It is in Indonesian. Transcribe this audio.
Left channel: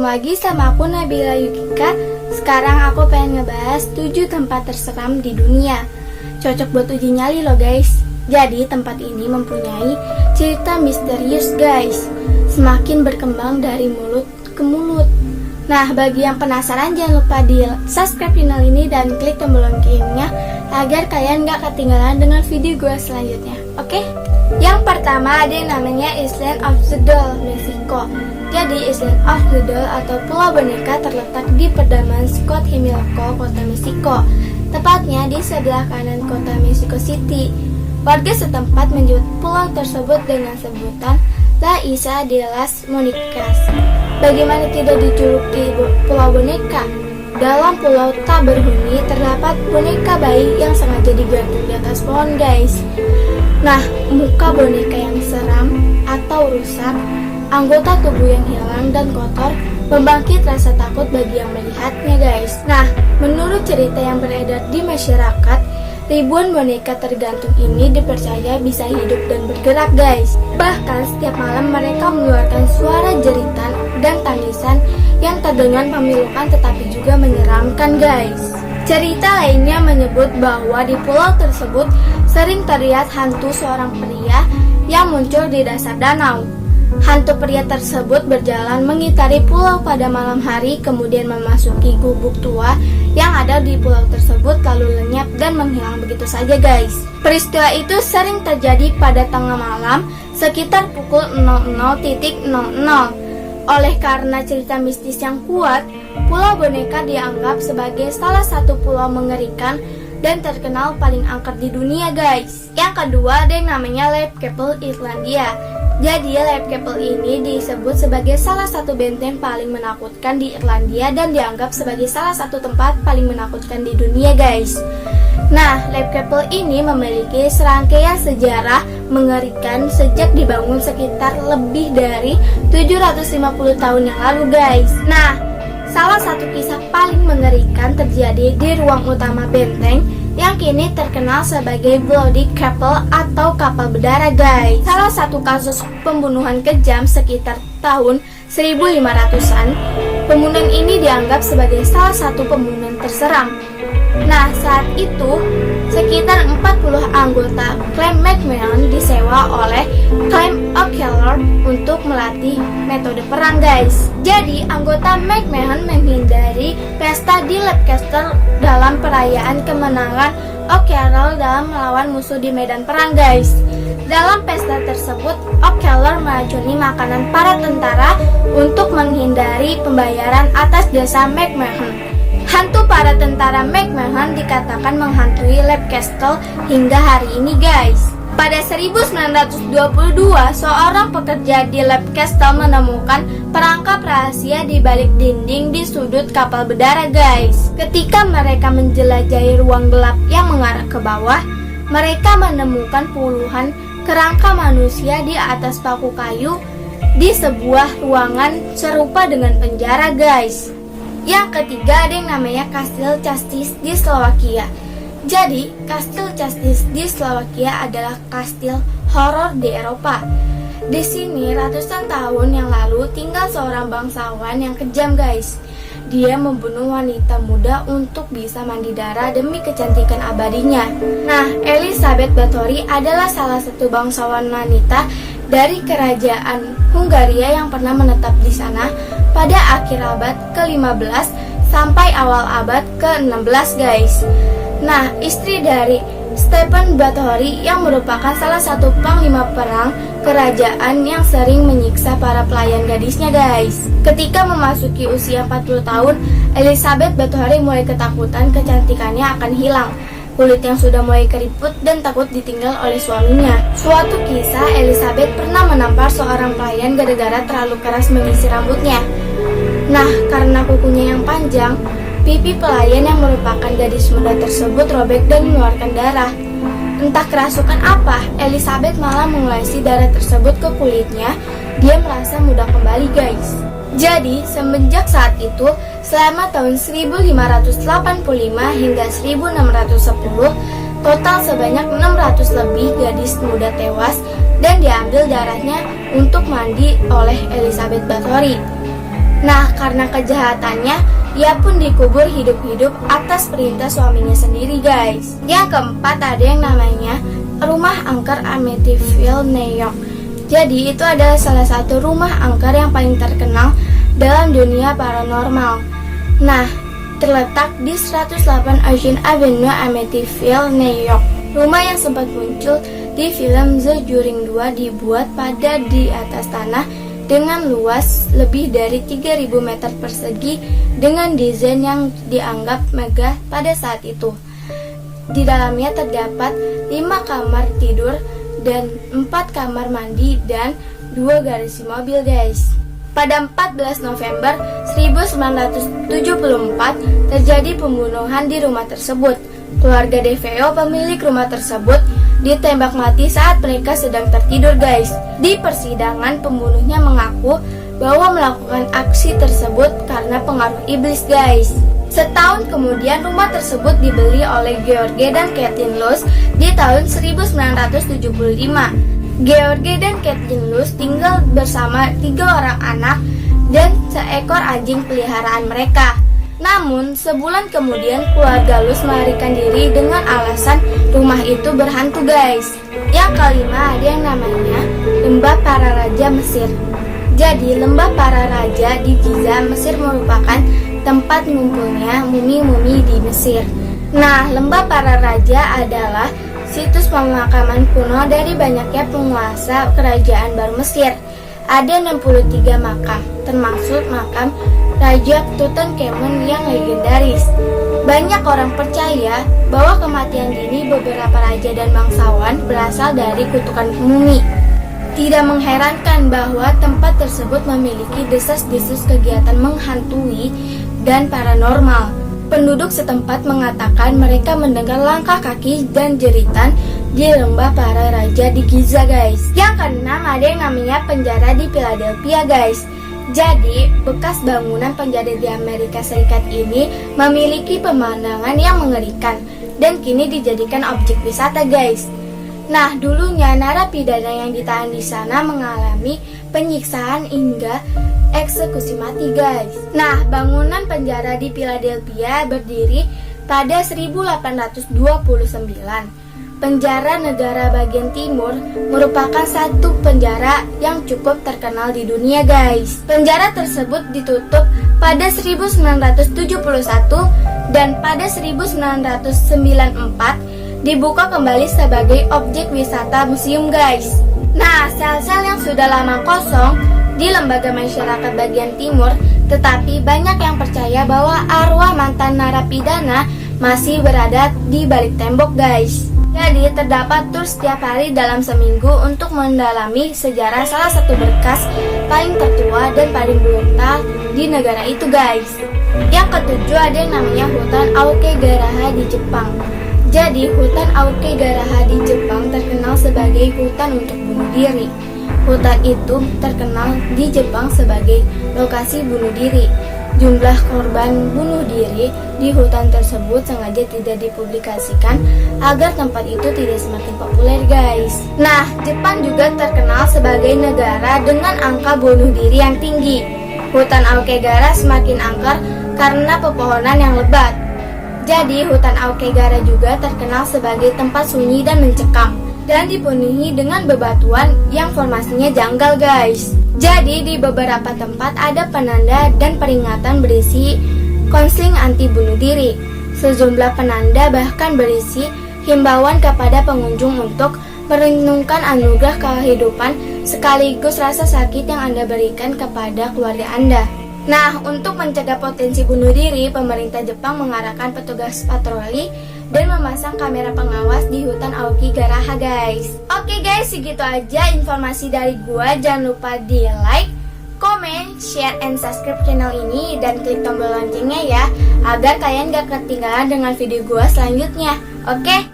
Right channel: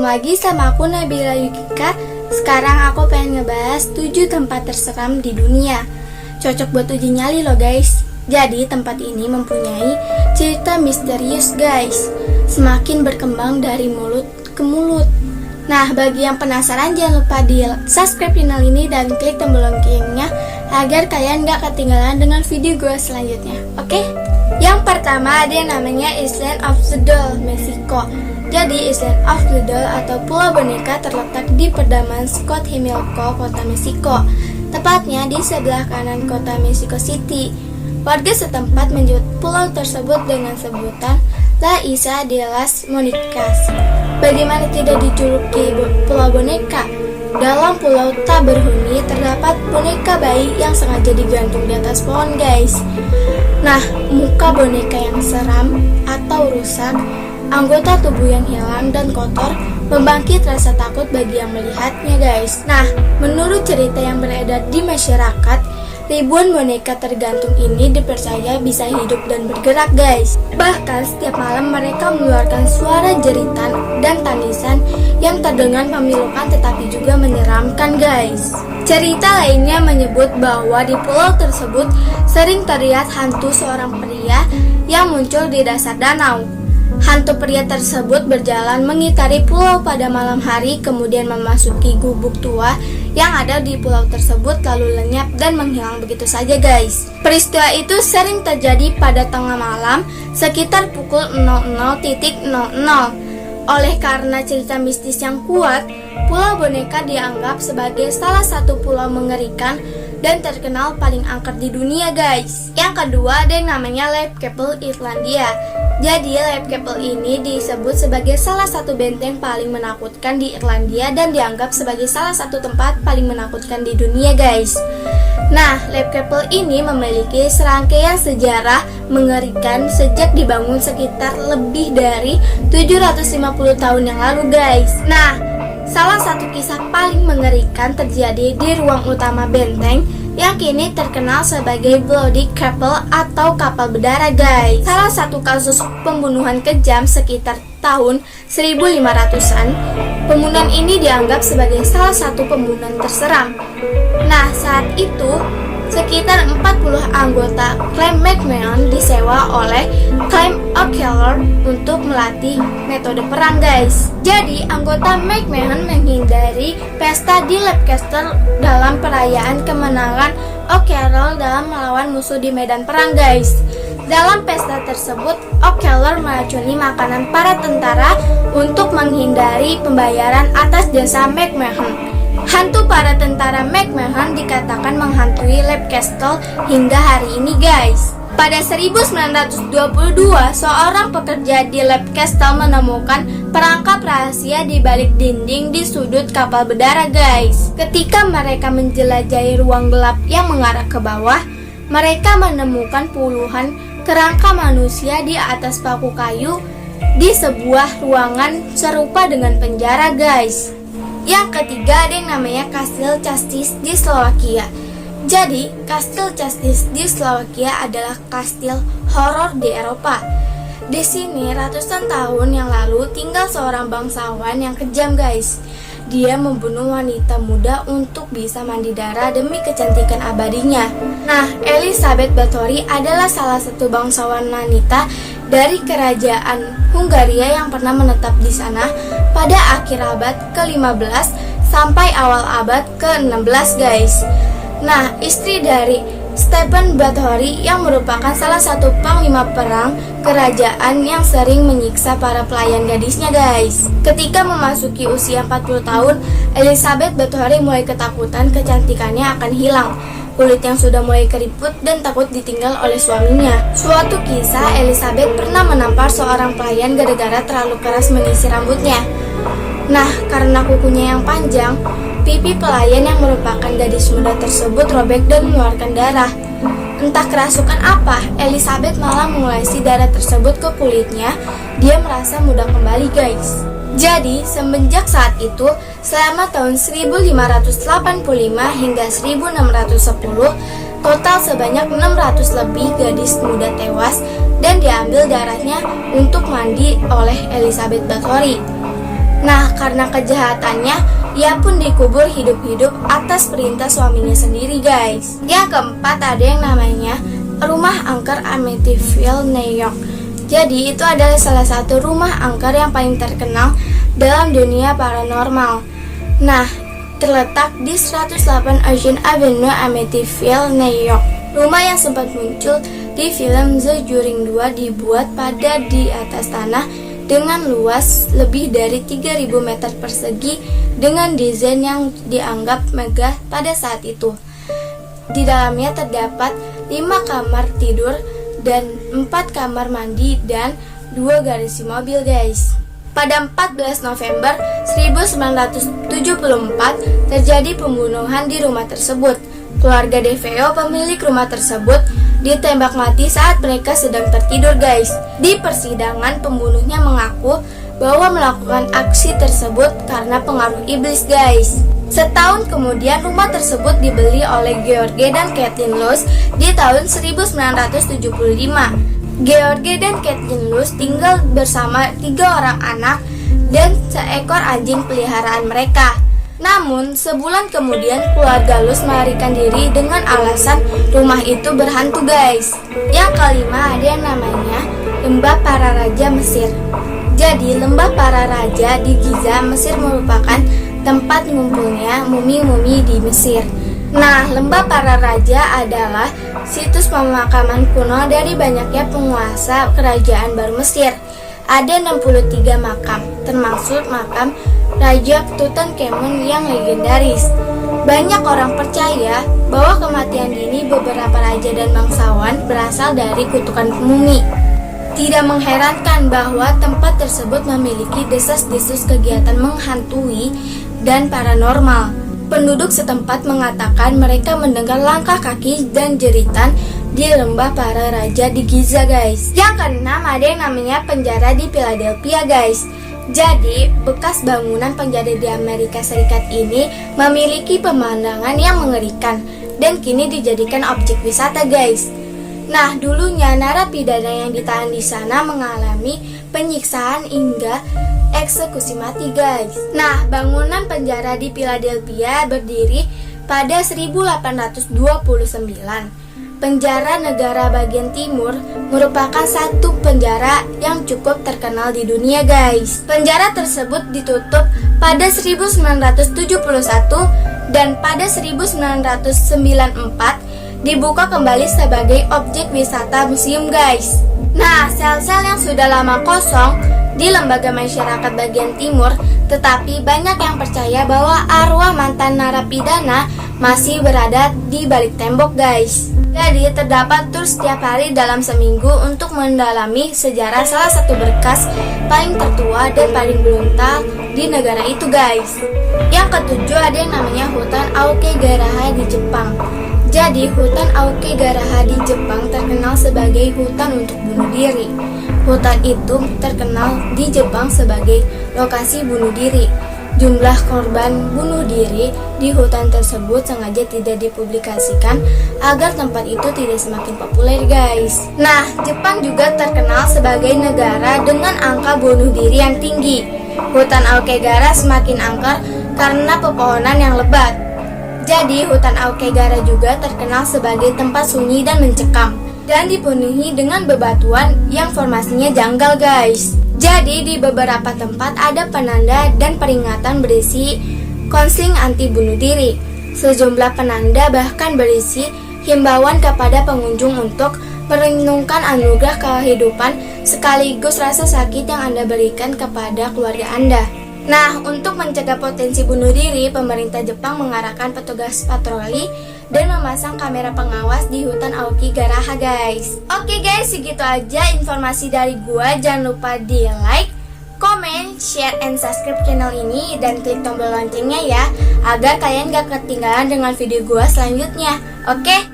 ketemu lagi sama aku Nabila Yukika. Sekarang aku pengen ngebahas 7 tempat terseram di dunia. Cocok buat uji nyali loh guys. Jadi tempat ini mempunyai cerita misterius guys. Semakin berkembang dari mulut ke mulut. Nah, bagi yang penasaran jangan lupa di subscribe channel ini dan klik tombol loncengnya agar kalian gak ketinggalan dengan video gue selanjutnya. Oke? Yang pertama ada yang namanya Island of the Doll, Meksiko. Jadi Island of the Doll atau Pulau Boneka terletak di pedalaman Scott Himilco, kota Meksiko. Tepatnya di sebelah kanan kota Mexico City. Warga setempat menyebut pulau tersebut dengan sebutan La Isla de las Monicas. Bagaimana tidak dijuluki Pulau Boneka? Dalam pulau tak berhuni terdapat boneka bayi yang sengaja digantung di atas pohon guys. Nah, muka boneka yang seram atau rusak, anggota tubuh yang hilang dan kotor, membangkit rasa takut bagi yang melihatnya guys. Nah, menurut cerita yang beredar di masyarakat, ribuan boneka tergantung ini dipercaya bisa hidup dan bergerak guys. Bahkan setiap malam mereka mengeluarkan suara jeritan dan tangisan yang terdengar memilukan tetapi juga menyeramkan guys. Cerita lainnya menyebut bahwa di pulau tersebut sering terlihat hantu seorang pria yang muncul di dasar danau. Hantu pria tersebut berjalan mengitari pulau pada malam hari, kemudian memasuki gubuk tua yang ada di pulau tersebut lalu lenyap dan menghilang begitu saja guys. Peristiwa itu sering terjadi pada tengah malam sekitar pukul 00.00. Oleh karena cerita mistis yang kuat, Pulau Boneka dianggap sebagai salah satu pulau mengerikan dan terkenal paling angker di dunia guys. Yang kedua ada yang namanya Leap Castle Irlandia. Jadi Leap Castle ini disebut sebagai salah satu benteng paling menakutkan di Irlandia dan dianggap sebagai salah satu tempat paling menakutkan di dunia guys. Nah, Leap Castle ini memiliki serangkaian sejarah mengerikan sejak dibangun sekitar lebih dari 750 tahun yang lalu guys. Nah, salah satu kisah paling mengerikan terjadi di ruang utama benteng yang kini terkenal sebagai Bloody Castle atau kapal berdarah guys. Salah satu kasus pembunuhan kejam sekitar tahun 1500-an. Pembunuhan ini dianggap sebagai salah satu pembunuhan terseram. Nah, saat itu sekitar 40 anggota klan McMahon disewa oleh klan O'Keefe untuk melatih metode perang guys. Jadi anggota McMahon menghindari pesta di Leap Castle dalam perayaan kemenangan O'Keefe dalam melawan musuh di medan perang guys. Dalam pesta tersebut O'Keefe meracuni makanan para tentara untuk menghindari pembayaran atas jasa McMahon. Hantu para tentara McMahon dikatakan menghantui Leap Castle hingga hari ini guys. Pada 1922, seorang pekerja di Leap Castle menemukan perangkap rahasia di balik dinding di sudut kapal berdarah guys. Ketika mereka menjelajahi ruang gelap yang mengarah ke bawah, mereka menemukan puluhan kerangka manusia di atas paku kayu di sebuah ruangan serupa dengan penjara guys. Yang ketiga ada yang namanya Kastil Častić di Slovakia. Jadi, Kastil Častić di Slovakia adalah kastil horor di Eropa. Di sini ratusan tahun yang lalu tinggal seorang bangsawan yang kejam guys. Dia membunuh wanita muda untuk bisa mandi darah demi kecantikan abadinya. Nah, Elisabeth Báthory adalah salah satu bangsawan wanita dari kerajaan Hungaria yang pernah menetap di sana pada akhir abad ke-15 sampai awal abad ke-16 guys. Nah, istri dari Stephen Báthory yang merupakan salah satu panglima perang kerajaan yang sering menyiksa para pelayan gadisnya guys. Ketika memasuki usia 40 tahun, Elisabeth Báthory mulai ketakutan kecantikannya akan hilang. Kulit yang sudah mulai keriput dan takut ditinggal oleh suaminya. Suatu kisah, Elisabeth pernah menampar seorang pelayan gara-gara terlalu keras mengisi rambutnya. Nah, karena kukunya yang panjang, pipi pelayan yang merupakan gadis muda tersebut robek dan mengeluarkan darah. Entah kerasukan apa, Elisabeth malah mengolesi darah tersebut ke kulitnya. Dia merasa mudah kembali guys. Jadi, semenjak saat itu, selama tahun 1585 hingga 1610, total sebanyak 600 lebih gadis muda tewas dan diambil darahnya untuk mandi oleh Elisabeth Báthory. Nah, karena kejahatannya, ia pun dikubur hidup-hidup atas perintah suaminya sendiri, guys. Yang keempat ada yang namanya Rumah Angker Amityville, New York. Jadi itu adalah salah satu rumah angker yang paling terkenal dalam dunia paranormal. Nah, terletak di 108 Ocean Avenue, Amityville, New York. Rumah yang sempat muncul di film The Conjuring 2 dibuat pada di atas tanah dengan luas lebih dari 3.000 meter persegi dengan desain yang dianggap megah pada saat itu. Di dalamnya terdapat 5 kamar tidur dan 4 kamar mandi dan 2 garasi mobil, guys. Pada 14 November 1974 terjadi pembunuhan di rumah tersebut. Keluarga DeFeo, pemilik rumah tersebut, ditembak mati saat mereka sedang tertidur, guys. Di persidangan, pembunuhnya mengaku bahwa melakukan aksi tersebut karena pengaruh iblis, guys. Setahun kemudian, rumah tersebut dibeli oleh George dan Kathleen Luce di tahun 1975. George dan Kathleen Luce tinggal bersama 3 orang anak dan seekor anjing peliharaan mereka. Namun, sebulan kemudian keluarga Luce melarikan diri dengan alasan rumah itu berhantu, guys. Yang kelima ada yang namanya Lembah Para Raja Mesir. Jadi, Lembah Para Raja di Giza, Mesir merupakan tempat ngumpulnya mumi-mumi di Mesir. Nah, Lembah Para Raja adalah situs pemakaman kuno dari banyaknya penguasa kerajaan baru Mesir. Ada 63 makam, termasuk makam Raja Tutankhamun yang legendaris. Banyak orang percaya bahwa kematian dini beberapa raja dan bangsawan berasal dari kutukan mumi. Tidak mengherankan bahwa tempat tersebut memiliki desas-desus kegiatan menghantui dan paranormal. Penduduk setempat mengatakan mereka mendengar langkah kaki dan jeritan di Lembah Para Raja di Giza, guys. Yang keenam ada yang namanya penjara di Philadelphia, guys. Jadi, bekas bangunan penjara di Amerika Serikat ini memiliki pemandangan yang mengerikan dan kini dijadikan objek wisata, guys. Nah, dulunya narapidana yang ditahan di sana mengalami penyiksaan hingga eksekusi mati, guys. Nah, bangunan penjara di Philadelphia berdiri pada 1829. Penjara negara bagian timur merupakan satu penjara yang cukup terkenal di dunia, guys. Penjara tersebut ditutup pada 1971 dan pada 1994 dibuka kembali sebagai objek wisata museum, guys. Nah, sel-sel yang sudah lama kosong di lembaga masyarakat bagian timur, tetapi banyak yang percaya bahwa arwah mantan narapidana masih berada di balik tembok, guys. Jadi terdapat tur setiap hari dalam seminggu untuk mendalami sejarah salah satu berkas paling tertua dan paling brutal di negara itu, guys. Yang ketujuh ada yang namanya hutan Aokigahara di Jepang. Jadi hutan Aokigahara di Jepang terkenal sebagai hutan untuk bunuh diri. Hutan itu terkenal di Jepang sebagai lokasi bunuh diri. Jumlah korban bunuh diri di hutan tersebut sengaja tidak dipublikasikan agar tempat itu tidak semakin populer, guys. Nah, Jepang juga terkenal sebagai negara dengan angka bunuh diri yang tinggi. Hutan Aokigahara semakin angker karena pepohonan yang lebat. Jadi, hutan Aokigahara juga terkenal sebagai tempat sunyi dan mencekam dan dipenuhi dengan bebatuan yang formasinya janggal, guys. Jadi di beberapa tempat ada penanda dan peringatan berisi konseling anti bunuh diri. Sejumlah penanda bahkan berisi himbauan kepada pengunjung untuk merenungkan anugerah kehidupan sekaligus rasa sakit yang Anda berikan kepada keluarga Anda. Nah, untuk mencegah potensi bunuh diri, pemerintah Jepang mengarahkan petugas patroli dan memasang kamera pengawas di hutan Aokigahara, guys. Oke guys, segitu aja informasi dari gua. Jangan lupa di like, comment, share, and subscribe channel ini dan klik tombol loncengnya ya, agar kalian gak ketinggalan dengan video gua selanjutnya. Oke?